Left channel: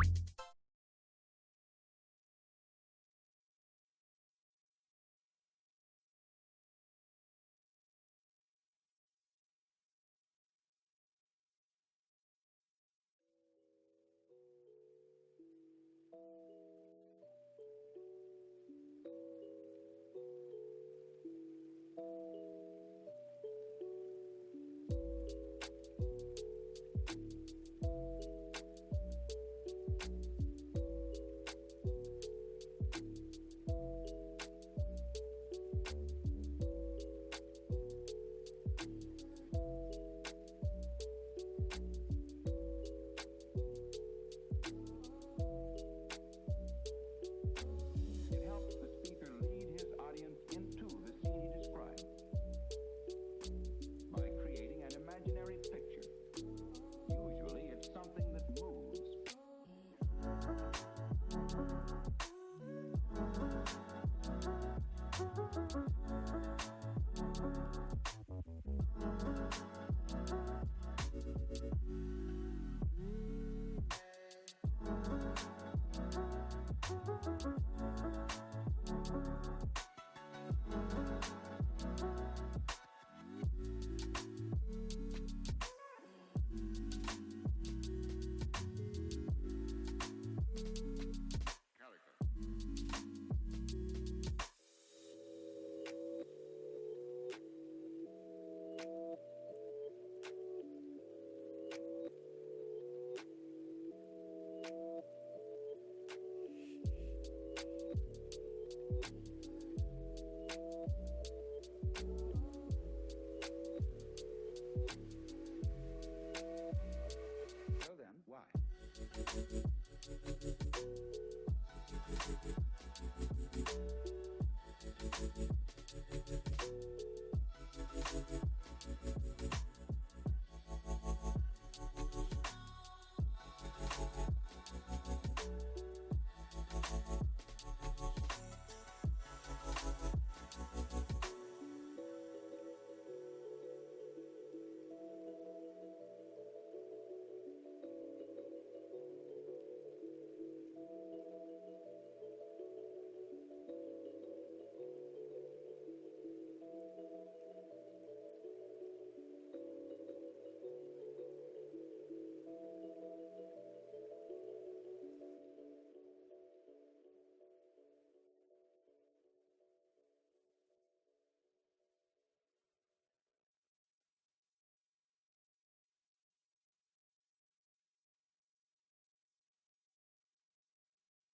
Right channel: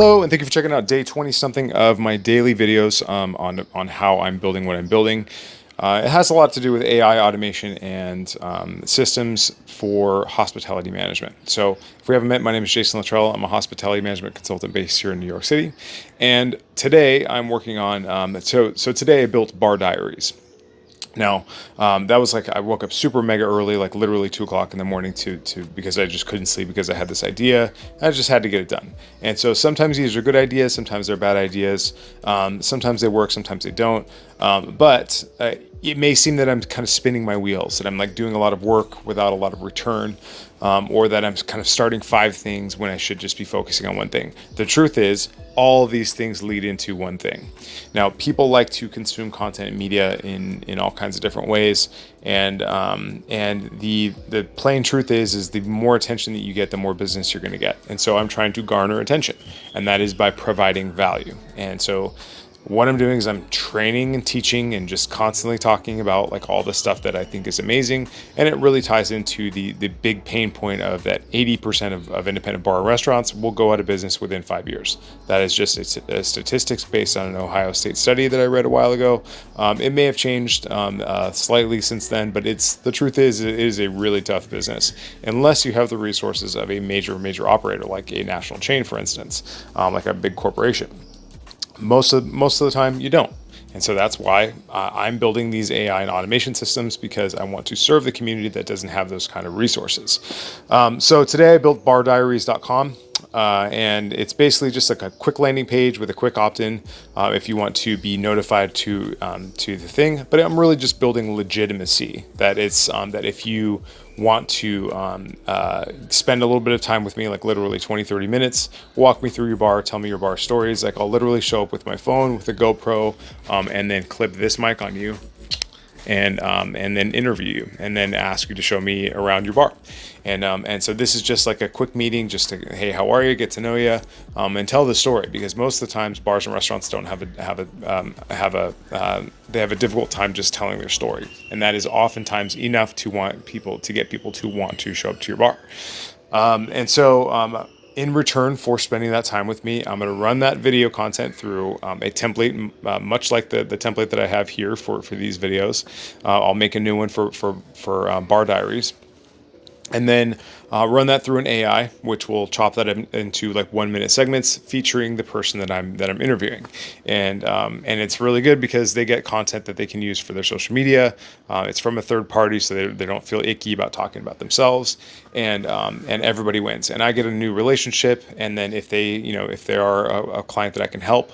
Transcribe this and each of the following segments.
Hello, and thank you for checking out day 20 something of my daily videos on how I'm building what I'm building. It has a lot to do with AI automation and systems for hospitality management. So, if we haven't met, my name is Jason Littrell. I'm a hospitality management consultant based here in New York City, and today I'm working on. So today I built Bar Diaries. Now, that was like I woke up super mega early, like literally 2 o'clock in the morning to because I just couldn't sleep because I had this idea. I just had to get it done. And so sometimes these are good ideas, sometimes they're bad ideas. Sometimes they work, sometimes they don't. But it may seem that I'm kind of spinning my wheels, that I'm like doing a lot of work without a lot of return, or that I'm kind of starting 5 things when I should just be focusing on one thing. The truth is, all of these things lead into one thing. Now, people like to consume content and media in all kinds of different ways, and the plain truth is the more attention that you get, the more business you're going to get. And so I'm trying to garner attention, and that is by providing value. And so what I'm doing is I'm training and teaching and just constantly talking about like all the stuff that I think is amazing. And it really ties into the big pain point of that 80% of independent bar and restaurants will go out of business within 5 years. That is just a statistics based on an Ohio State study that I read a while ago. It may have changed slightly since then, but the truth is it is a really tough business unless you have the resources of a major operator like a national chain, for instance, like a big corporation. Most of the time you don't. And so that's why I'm building these AI and automation systems, because I want to serve the community that doesn't have those kind of resources. So today I built bardiaries.com. And it's basically just like a quick landing page with a quick opt-in if you want to be notified to the thing. But I'm really just building legitimacy. That it's that if you want to spend a little bit of time with me, like literally 20-30 minutes, walk me through your bar, tell me your bar stories, like I'll literally show up with my phone with a GoPro, and then clip this mic on you and then interview you and then ask you to show me around your bar. And so this is just like a quick meeting, just to, hey, how are you, get to know you, and tell the story, because most of the times bars and restaurants don't they have a difficult time just telling their story, and that is oftentimes enough to get people to want to show up to your bar. And so in return for spending that time with me, I'm going to run that video content through a template, much like the template that I have here for these videos. I'll make a new one for Bar Diaries, and then run that through an AI, which will chop that into like 1 minute segments featuring the person that I'm interviewing, and it's really good because they get content that they can use for their social media. It's from a third party, so they don't feel icky about talking about themselves, and everybody wins. And I get a new relationship, and then if they are a client that I can help,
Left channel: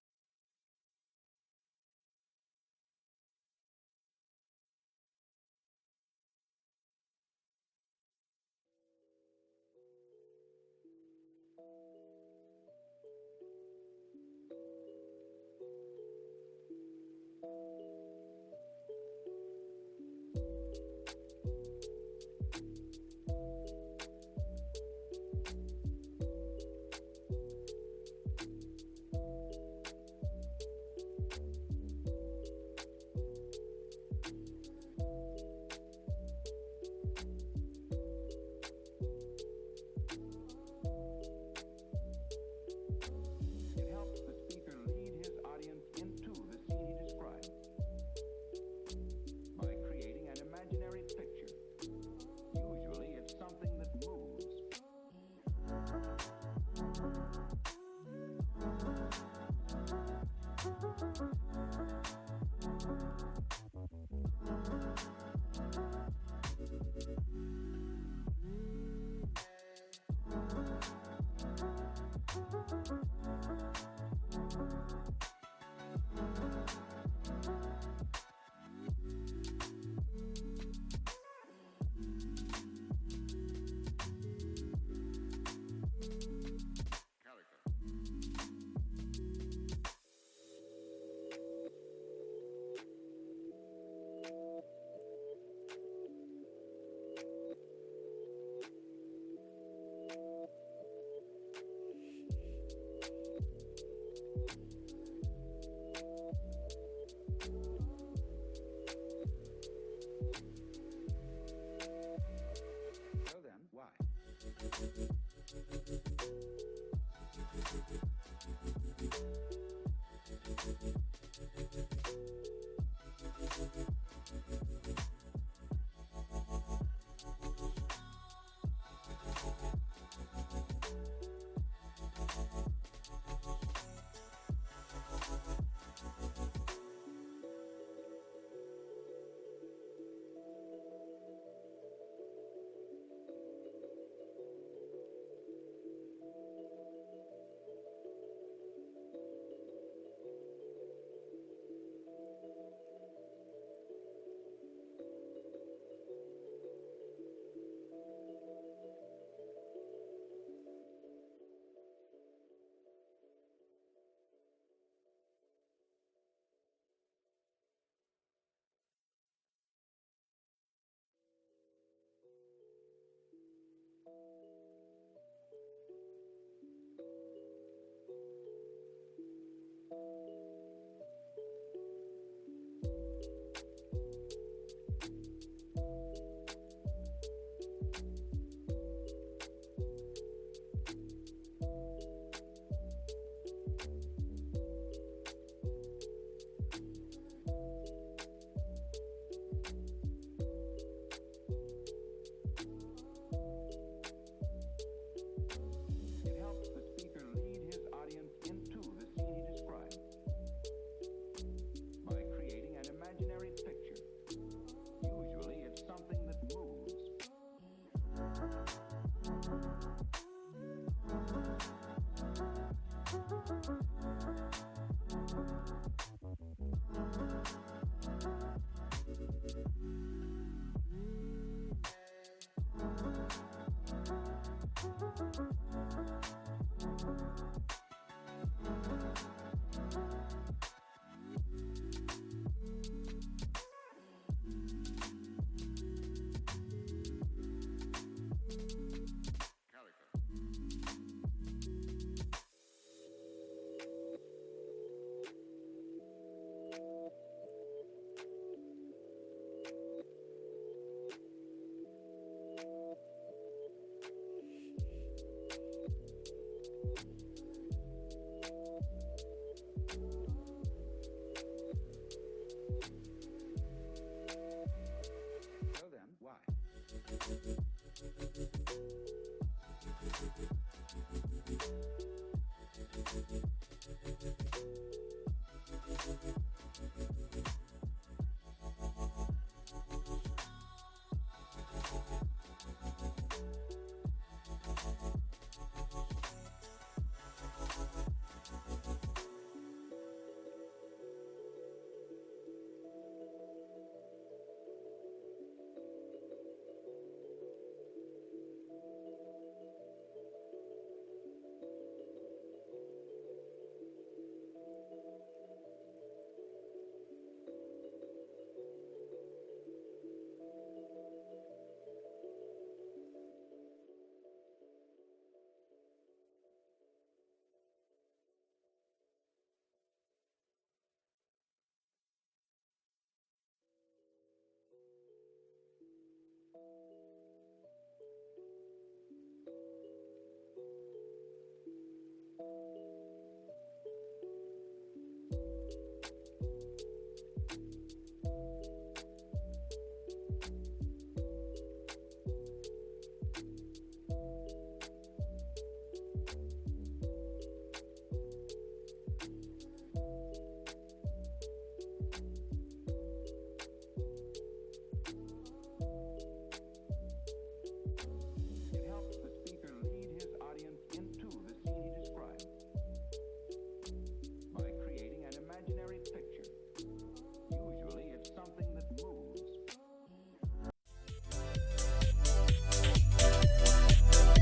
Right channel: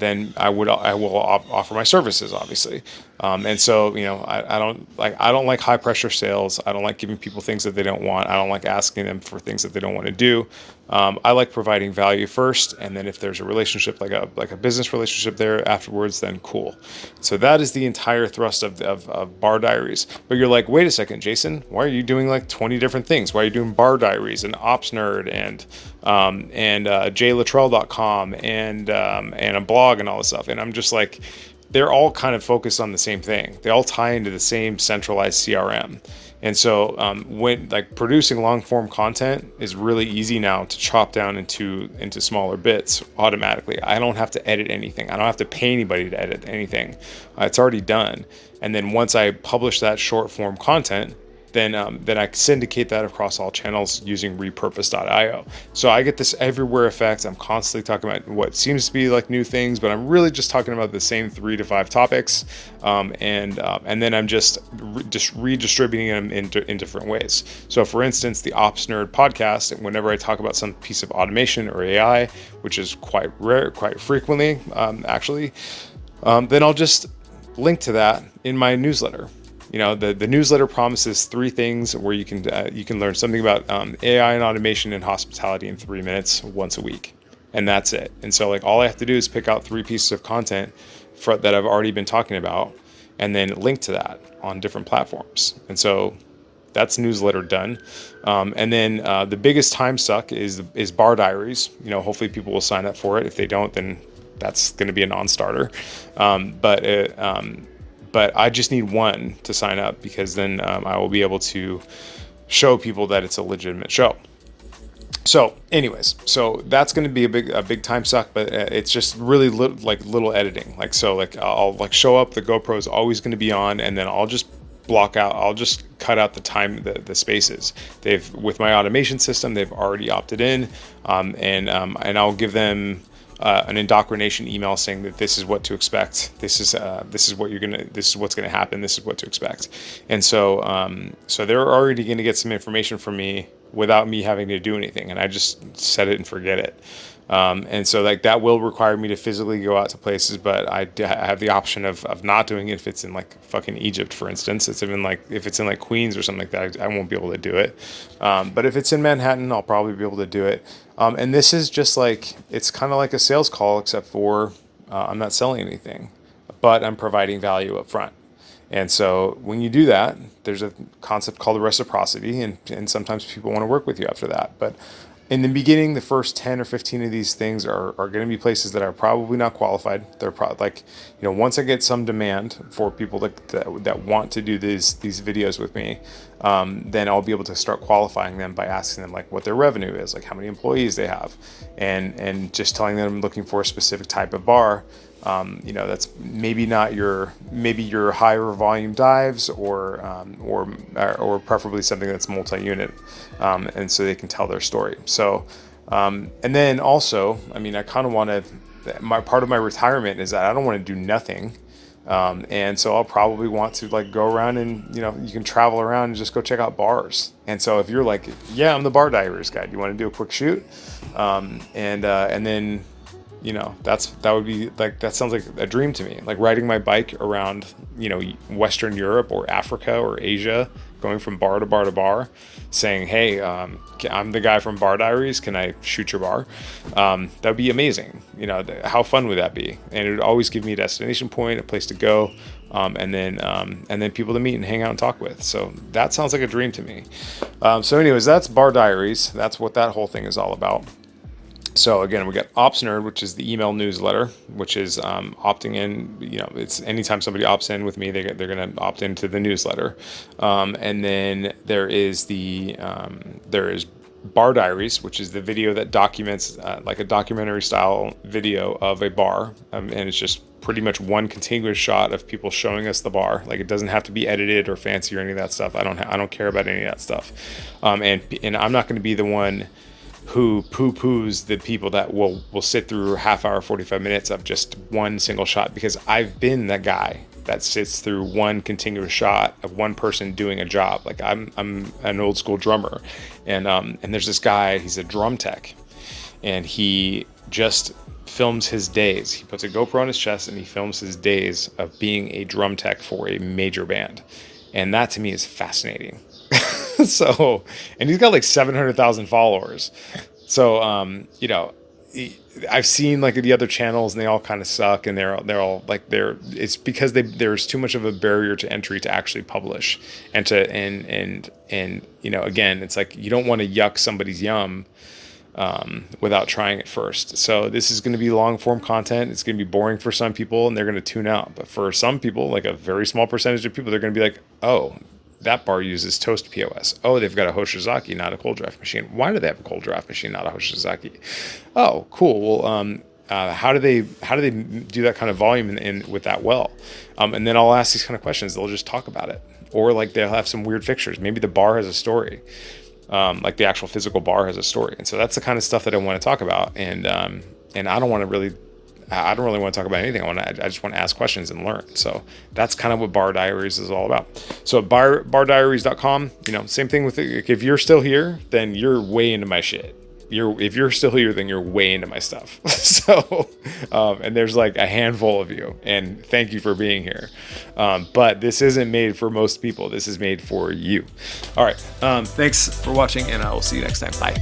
then I will offer my services, obviously. And so, I don't like high pressure sales. I don't like giving people things that they don't want. I don't like asking them for things that they don't want to do. I like providing value first, and then if there's a relationship, like a business relationship there afterwards, then cool. So that is the entire thrust of Bar Diaries. But you're like, wait a second, Jason, why are you doing like 20 different things? Why are you doing Bar Diaries and Ops Nerd and jlittrell.com and a blog and all this stuff? And I'm just like, they're all kind of focused on the same thing. They all tie into the same centralized CRM. And so when like producing long form content is really easy now to chop down into smaller bits automatically. I don't have to edit anything. I don't have to pay anybody to edit anything. It's already done. And then once I publish that short form content, then I syndicate that across all channels using repurpose.io. So I get this everywhere effect. I'm constantly talking about what seems to be like new things, but I'm really just talking about the same 3 to 5 topics, and then I'm just redistributing them in different ways. So for instance, the Ops Nerd podcast, whenever I talk about some piece of automation or AI, which is quite rare, quite frequently, actually, then I'll just link to that in my newsletter. The newsletter promises 3 things where you can learn something about AI and automation and hospitality in 3 minutes once a week, and that's it. And so like all I have to do is pick out 3 pieces of content that I've already been talking about, and then link to that on different platforms. And so that's newsletter done. And then the biggest time suck is Bar Diaries. Hopefully people will sign up for it. If they don't, then that's going to be a non-starter. But I just need 1 to sign up, because then I will be able to show people that it's a legitimate show. So anyways, so that's going to be a big time suck, but it's just really little editing. Like, so like I'll like show up, the GoPro is always going to be on, and then I'll just cut out the time, the spaces. With my automation system, they've already opted in, and I'll give them an indoctrination email saying that this is what to expect. This is this is what's gonna happen. This is what to expect. And so they're already gonna get some information from me without me having to do anything, and I just set it and forget it. And so like that will require me to physically go out to places, but I have the option of not doing it if it's in like fucking Egypt, for instance. It's even like if it's in like Queens or something like that, I won't be able to do it. But if it's in Manhattan, I'll probably be able to do it. And this is just like, it's kind of like a sales call, except for I'm not selling anything, but I'm providing value up front. And so when you do that, there's a concept called reciprocity, and sometimes people want to work with you after that. But in the beginning, the first 10 or 15 of these things are going to be places that are probably not qualified. They're probably like, once I get some demand for people that want to do these videos with me, then I'll be able to start qualifying them by asking them like what their revenue is, like how many employees they have, and just telling them I'm looking for a specific type of bar. That's maybe not your higher volume dives, or preferably something that's multi-unit, and so they can tell their story. So, and then also, I mean, I kind of want to. My part of my retirement is that I don't want to do nothing, and so I'll probably want to like go around and you can travel around and just go check out bars. And so if you're like, yeah, I'm the Bar Diaries guy, do you want to do a quick shoot, and then. That would be like, that sounds like a dream to me, like riding my bike around, Western Europe or Africa or Asia, going from bar to bar to bar, saying, hey, I'm the guy from Bar Diaries, can I shoot your bar? That would be amazing. How fun would that be? And it would always give me a destination point, a place to go, and then people to meet and hang out and talk with. So that sounds like a dream to me. So anyways, that's Bar Diaries. That's what that whole thing is all about. So again, we got Ops Nerd, which is the email newsletter, which is opting in. It's anytime somebody opts in with me, they're going to opt into the newsletter. And then there is Bar Diaries, which is the video that documents like a documentary style video of a bar, and it's just pretty much one continuous shot of people showing us the bar. Like, it doesn't have to be edited or fancy or any of that stuff. I don't care about any of that stuff. And I'm not going to be the one who poo-poos the people that will sit through half hour, 45 minutes of just one single shot, because I've been that guy that sits through one continuous shot of one person doing a job. Like, I'm an old school drummer, and there's this guy, he's a drum tech, and he just films his days. He puts a GoPro on his chest and he films his days of being a drum tech for a major band. And that to me is fascinating. So, and he's got like 700,000 followers. So, I've seen like the other channels and they all kind of suck, and they're all like, it's because there's too much of a barrier to entry to actually publish and again, it's like, you don't want to yuck somebody's yum without trying it first. So this is going to be long form content. It's going to be boring for some people and they're going to tune out. But for some people, like a very small percentage of people, they're going to be like, oh, that bar uses toast POS. Oh, they've got a Hoshizaki, not a cold draft machine. Why do they have a cold draft machine, not a Hoshizaki? Oh, cool. Well, how do they do that kind of volume with that well? And then I'll ask these kind of questions. They'll just talk about it, or like they'll have some weird fixtures. Maybe the bar has a story. Like the actual physical bar has a story. And so that's the kind of stuff that I want to talk about. And I don't really want to talk about anything. I just want to ask questions and learn. So that's kind of what Bar Diaries is all about. So bardiaries.com, same thing with it. If you're still here, then you're way into my shit. If you're still here, then you're way into my stuff. So, and there's like a handful of you, and thank you for being here. But this isn't made for most people. This is made for you. All right. Thanks for watching, and I will see you next time. Bye.